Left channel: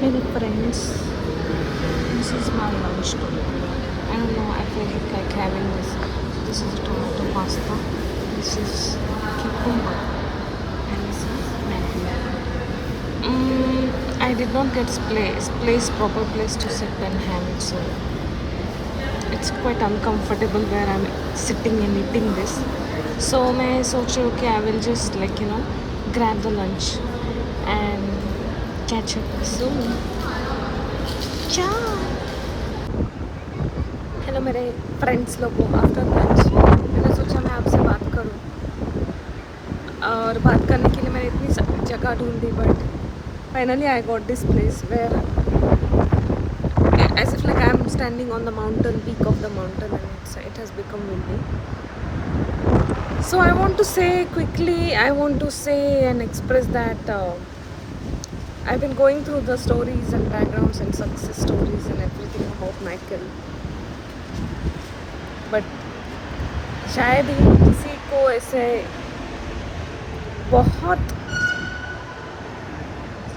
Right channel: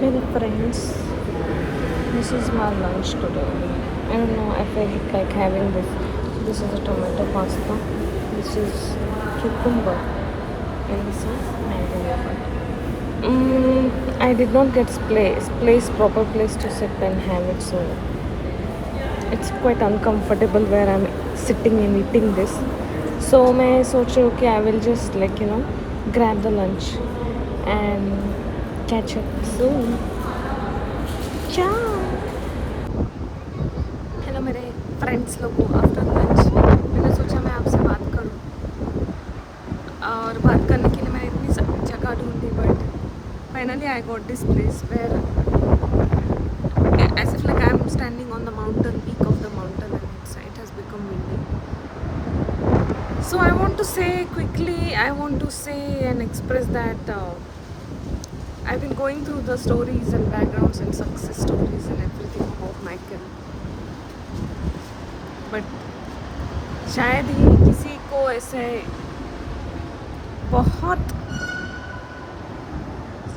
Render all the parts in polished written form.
Many friends, this is my lunch today. I don't know, I felt like having this. So this is a tomato pasta, this is cucumber, and this is mango yogurt. I did not get proper place to sit and have it, so it's quite uncomfortable where I'm sitting and eating this. So मैं सोच रही हूँ कि I will just grab the lunch and catch up soon. Ciao. Hello मेरे friends लोगों, after lunch मैंने सोचा मैं आपसे बात करूं, और बात करने के लिए मैंने इतनी सारी जगह ढूंढी, but finally I got this place where as if like I'm standing on the mountain peak of the mountain, and it has become windy. So I want to say quickly, I want to say and express that I've been going through the stories and backgrounds and success stories and everything about Michael, but शायद ही किसी को ऐसे बहुत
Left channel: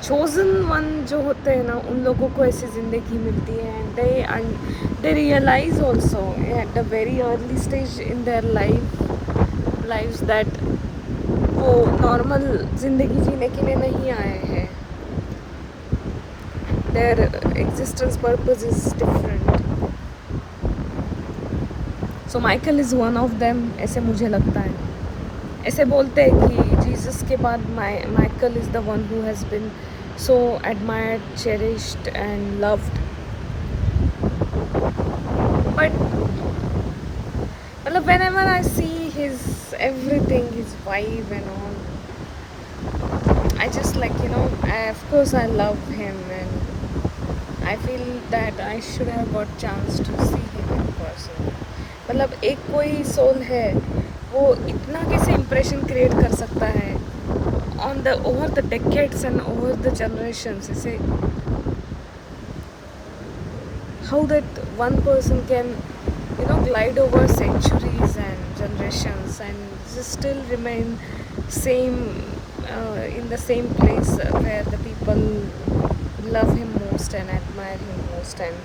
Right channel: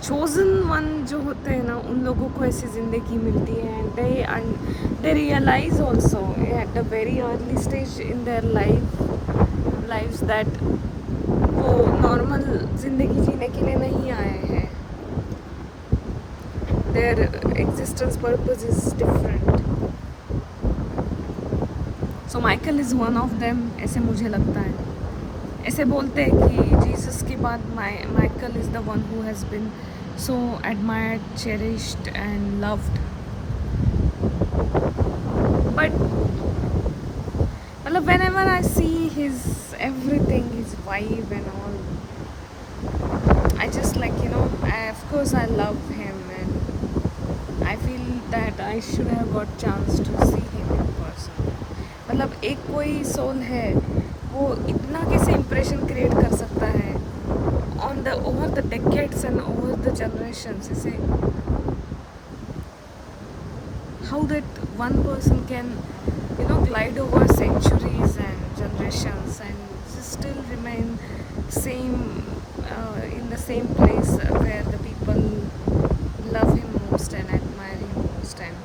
chosen one जो होते हैं ना, उन लोगों को ऐसी ज़िंदगी मिलती है, and they realize also at a very early stage in their lives that वो नॉर्मल ज़िंदगी जीने के लिए नहीं आए हैं. Their existence purpose is different. So Michael is one of them, ऐसे मुझे लगता है. ऐसे बोलते हैं कि जीसस के बाद Michael is the one who has been so admired, cherished and loved. But whenever I see his everything, his vibe and all, I just of course I love him, and I feel that I should have got chance to see him in person. एक कोई soul है वो इतना कैसे impression create कर सकता है over the decades and over the generations. Say how that one person can glide over centuries and generations and just still remain same in the same place where the people love him most and admire him most, and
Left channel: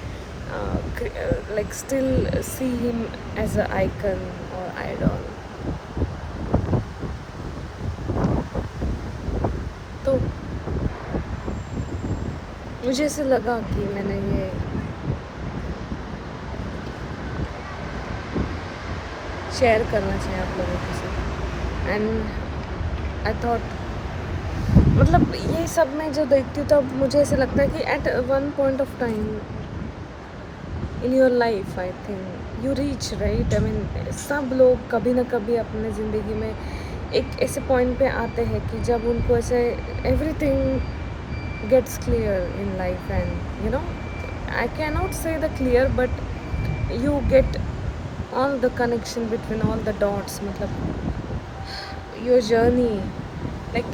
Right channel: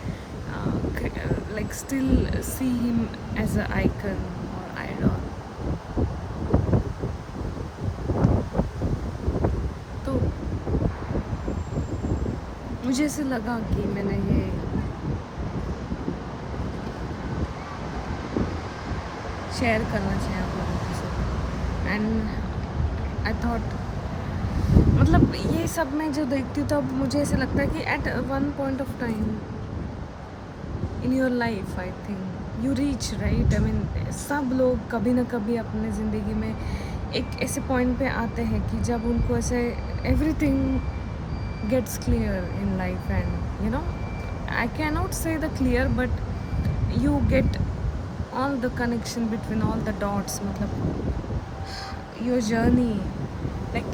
still see him as an icon or idol. तो मुझे ऐसे लगा कि मैंने ये share करना चाहिए आप लोगों के साथ. एंड आई थॉट ये सब मैं जो देखती हूँ तब मुझे ऐसे लगता है कि at one point of time in your life I think you reach right. I mean सब लोग कभी ना कभी अपने ज़िंदगी में एक ऐसे पॉइंट पे आते हैं कि जब उनको ऐसे everything gets clear in life, and I can not say the clear, but you get all the connection between all the dots, your journey, like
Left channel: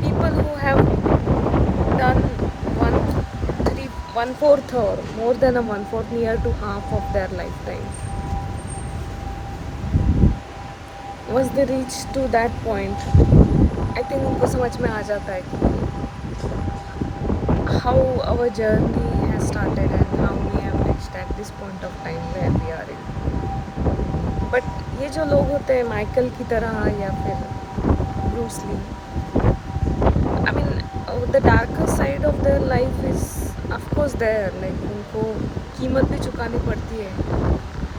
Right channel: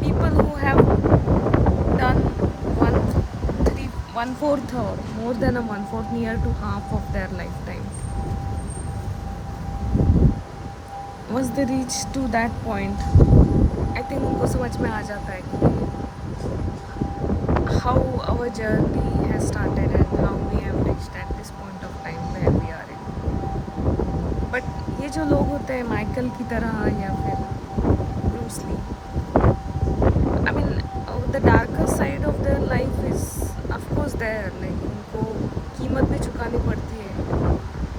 people who have done 1/4 or more than a 1/4, near to half of their lifetime, once they reach to that point, I think उनको समझ में आ जाता है कि how our journey has started and how we have reached at this point of time where we are in. But ये जो लोग होते हैं माइकल की तरह या फिर Bruce Lee, I mean the darker side of their life is of course there, like उनको कीमत भी चुकानी पड़ती है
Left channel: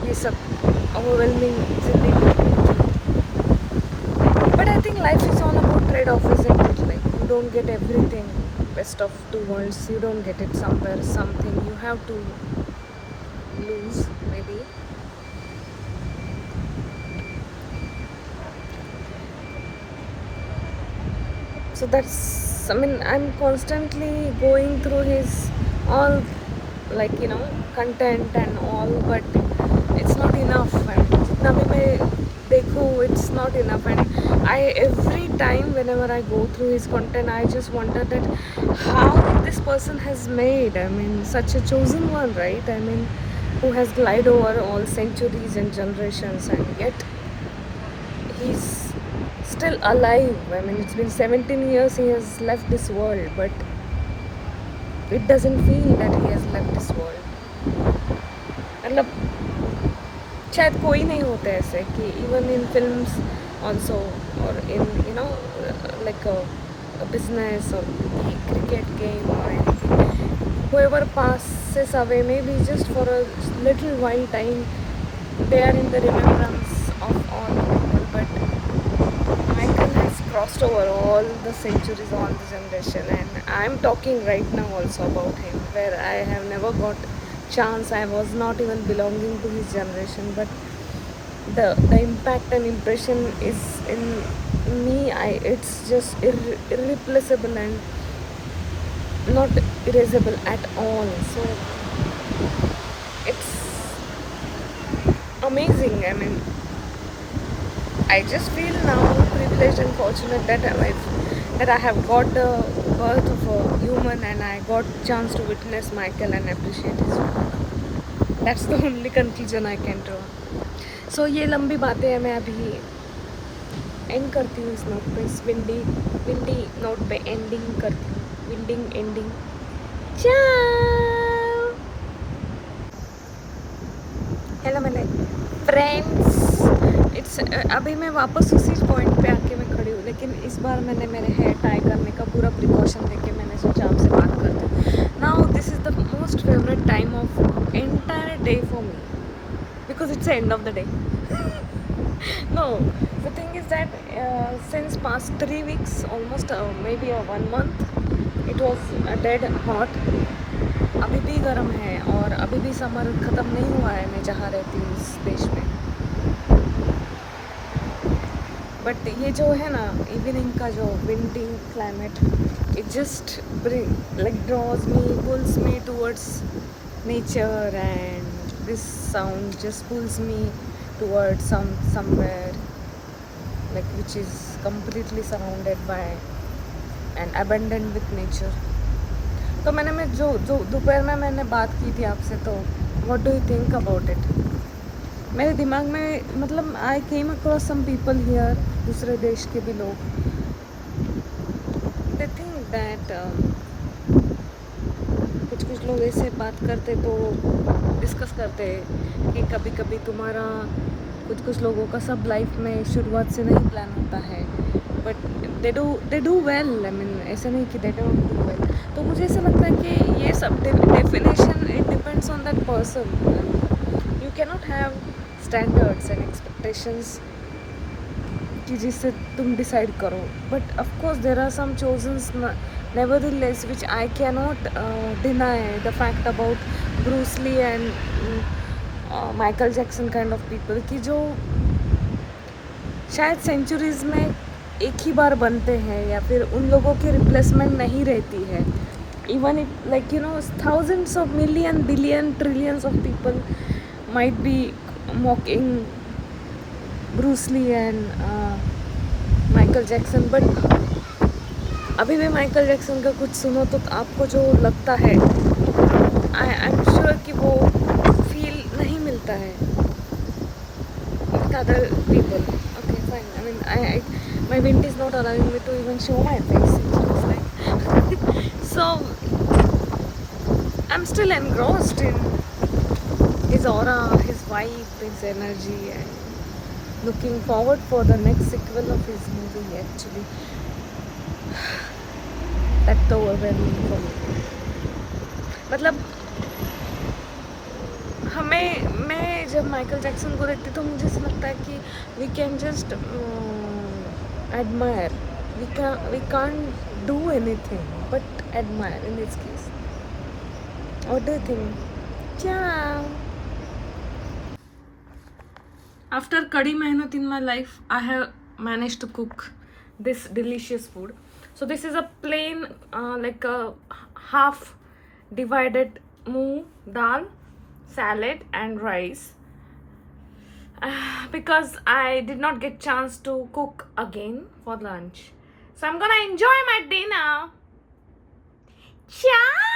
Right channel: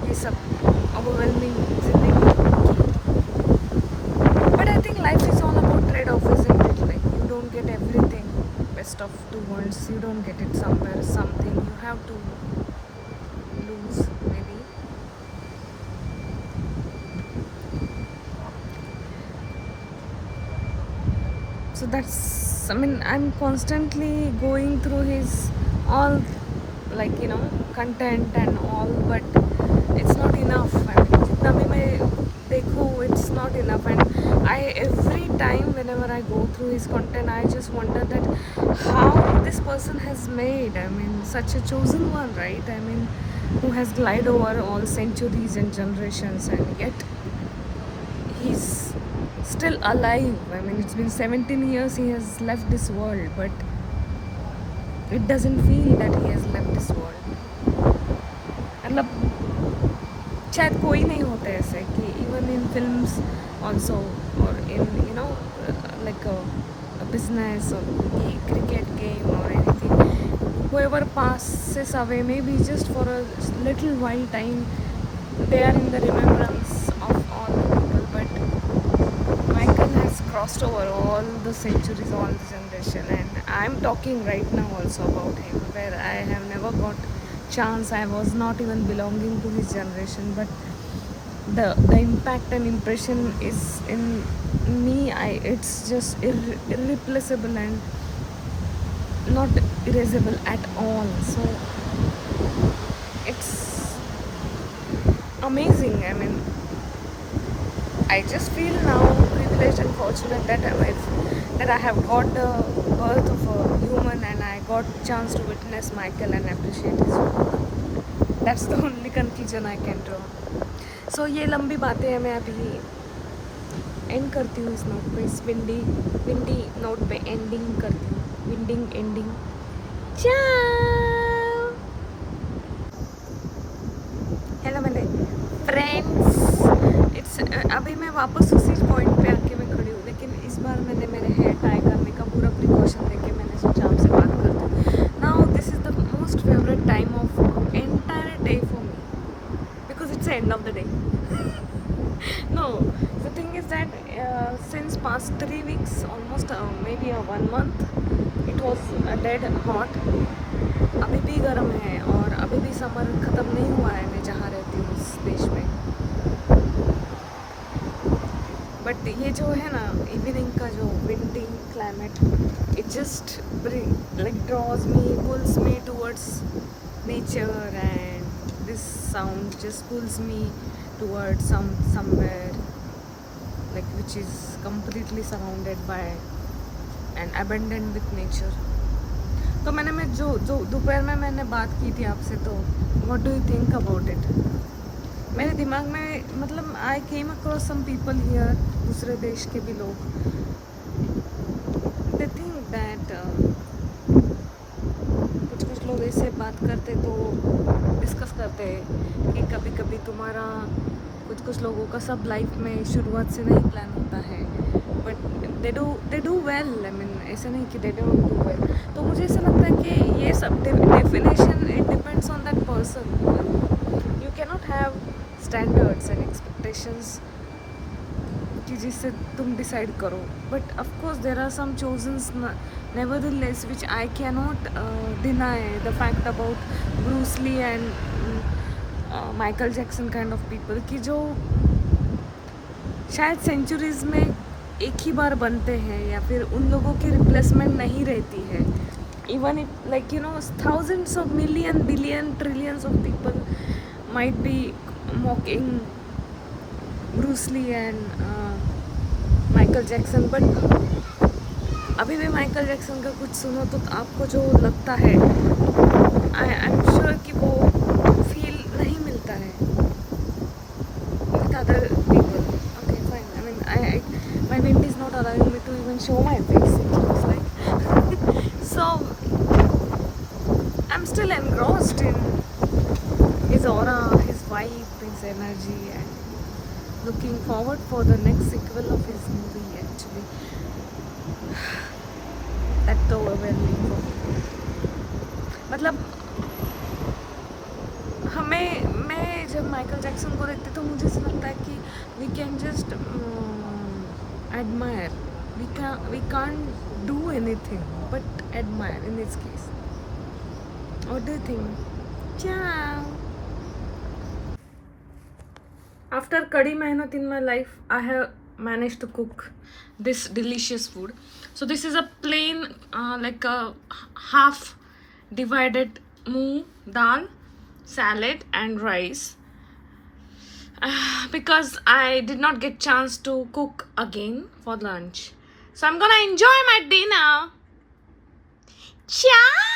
ये सब ओवरवेलमिंग जिंदगी. But I think life is all about trade off, isn't it? Like you don't get everything best of two worlds, you don't get it somewhere, something you have to lose maybe. So that's, I mean, I'm constantly going through his all content and all, but it's not enough. I mean, jitna bhi main dekhu, it's not enough. And I, every time whenever I go through his content, I just wonder that how this person has made, I mean, such a chosen one, right? I mean, who has glided over all centuries and generations, and yet he's still alive. I mean, it's been 17 years he has left this world, but it doesn't feel that he has left this world. मतलब शायद कोई नहीं होते ऐसे कि even in films also or in like a business or cricket game or anything, whoever passes away maybe just for a little while time they are in the remembrance of all the people, but Michael has crossed over all the centuries, all the generation, and I'm talking right now also about him where I have never got chance. I was not even belonging to his generation, but the impact and impression is in me. It's just irreplaceable and not erasable at all. So it's amazing. I mean, I just feel now privileged and fortunate that I have got the birth of a human and I got chance to witness Michael and appreciate his work. That's the only conclusion I can draw. So ये लंबी बातें हैं, मैं अभी and करती हूँ इस note पे, इस विंडी नोट पे एंडिंग करती हूँ, एंडिंग चाओ। हेलो मेरे फ्रेंड्स, इट्स अभी मैं वापस उसी पॉइंट पे आके मैं खड़ी हूँ, लेकिन इस बार मैंने मेरे हेयर टाई करने का पूरा प्रिकॉशन लेके मैंने सोचा आपसे बात करती हूँ। Now this is the most favourite time of entire day for me because it's the end of the day. No, the thing is that since past 3 weeks, almost maybe 1 month, it was dead hot. अभी भी गर्म है और अभी भी summer ख़त्म नहीं हुआ है मैं जहाँ रहती हूँ उस देश में। बट ये जो है ना इवनिंग का जो windy climate, it just like draws me, pulls me towards nature, and this sound just pulls me towards somewhere like which is completely surrounded by and abandoned with nature. तो मैं जो दोपहर में मैंने बात की थी आपसे, तो what do you think about it? मेरे दिमाग में मतलब I came across some people here, दूसरे देश के भी लोग, they think that कुछ लोग ऐसे बात करते तो डिस्कस करते हैं कि कभी कभी तुम्हारा कुछ लोगों का सब लाइफ में शुरुआत से नहीं प्लान होता है, but they do well. I mean ऐसा नहीं कि दे डोंट डू वेल। तो मुझे ऐसा लगता है कि ये सब definition it depends on that person. You can not have standards and expectations कि जिससे तुम डिसाइड करो, but of course there are some चोजन्स nevertheless which I cannot deny the fact about Bruce Lee and Michael Jackson kind of people कि जो शायद centuries में एक ही बार बनते हैं या फिर उन लोगों की रिप्लेसमेंट नहीं रहती है। Even it like thousands of million billion trillions of people might be mocking Bruce Lee and Michael Jackson, but अभी भी माइकल जैक्सन का कुछ सुनो तो आपको जो लगता है आई एम श्योर कि वो फील नहीं मिलता है with other people. Okay, fine. I mean, my wind is not allowing me to even show my face. It looks like. So I'm still engrossed in his aura, his vibe, his energy, and looking forward for the next sequel of his movie. Actually. That's overwhelming for me. मतलब मैं जब Michael Jackson को देखती तो मुझे ऐसा लगता है कि we can just admire, we can't do anything but admire in this case. What do you think? Ciao. After kadi mehnat in my life, I have managed to cook this delicious food. So this is a plain like a half divided moong dal, salad and rice, because I did not get chance to cook again for lunch. So I'm gonna enjoy my dinner. Ciao.